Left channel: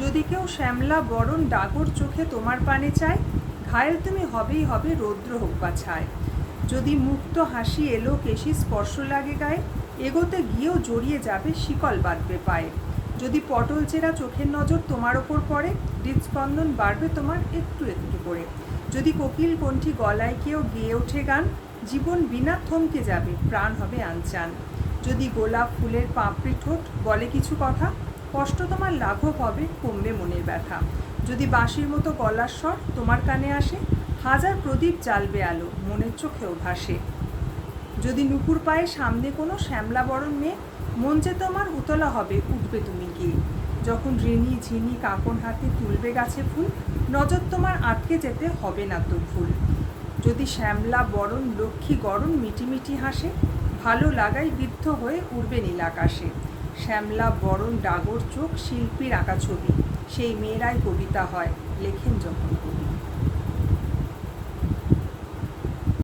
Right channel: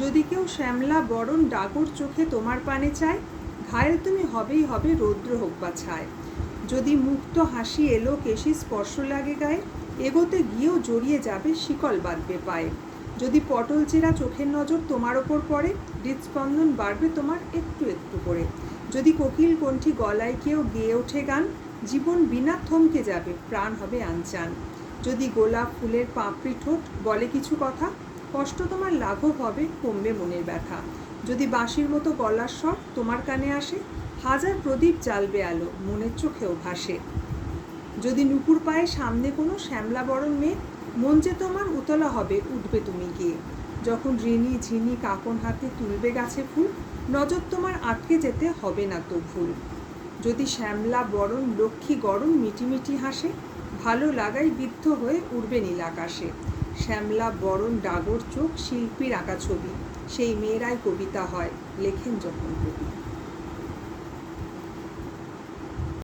যদি কেউ শ্যামলা বরণ ডাগর চোখে তোমার পানে চায়, ঘায়েল তুমি হবেই হবে, রৌদ্র হোক বা ছায়। যদি মুক্ত হাসি এলো কেশি স্পর্শ লাগে গায়ে, এগোতে গিয়েও জড়িয়ে যাবে, শিকল বাঁধবে পায়ে। যদি পটল চেরা চোখের নজর তোমার ওপর পড়ে, হৃদস্পন্দন বাড়বে তোমার একটু একটু করে। যদি কোকিল কণ্ঠী গলায় কেউ গেয়ে ওঠে গান, জীবন বিনা থমকে যাবে, প্রাণ হবে আনচান। যদি গোলাপ ফুলের পাপড়ি ঠোঁট বলে কিছু কথা, কষ্ট তোমার লাঘব হবে, কমবে মনের ব্যথা। যদি বাঁশির মতো গলার স্বর তোমার কানে আসে, হাজার প্রদীপ জ্বালবে আলো, মনের চোখেও ভাসে। যদি নুপুর পায়ে সামনে কোনো শ্যামলা বরণ মেয়ে, মন যে তোমার উতলা হবে, উঠবে তুমি গিয়ে। যখন ঋণী ঝিনি কাকন হাতে তুলবে গাছে ফুল, নজর তোমার আটকে যেতে হবে না তো ভুল। যদি শ্যামলা বরণ লক্ষ্মী গরম মিটিমিটি হাসে, ভালো লাগাই বিদ্ধ হয়ে উড়বে নীল আকাশে। শ্যামলা বরণ ডাগর চোখ শিল্পীর আঁকা ছবি, সেই মেয়েরাই কবিতা হয়, লেখেন যখন কবি।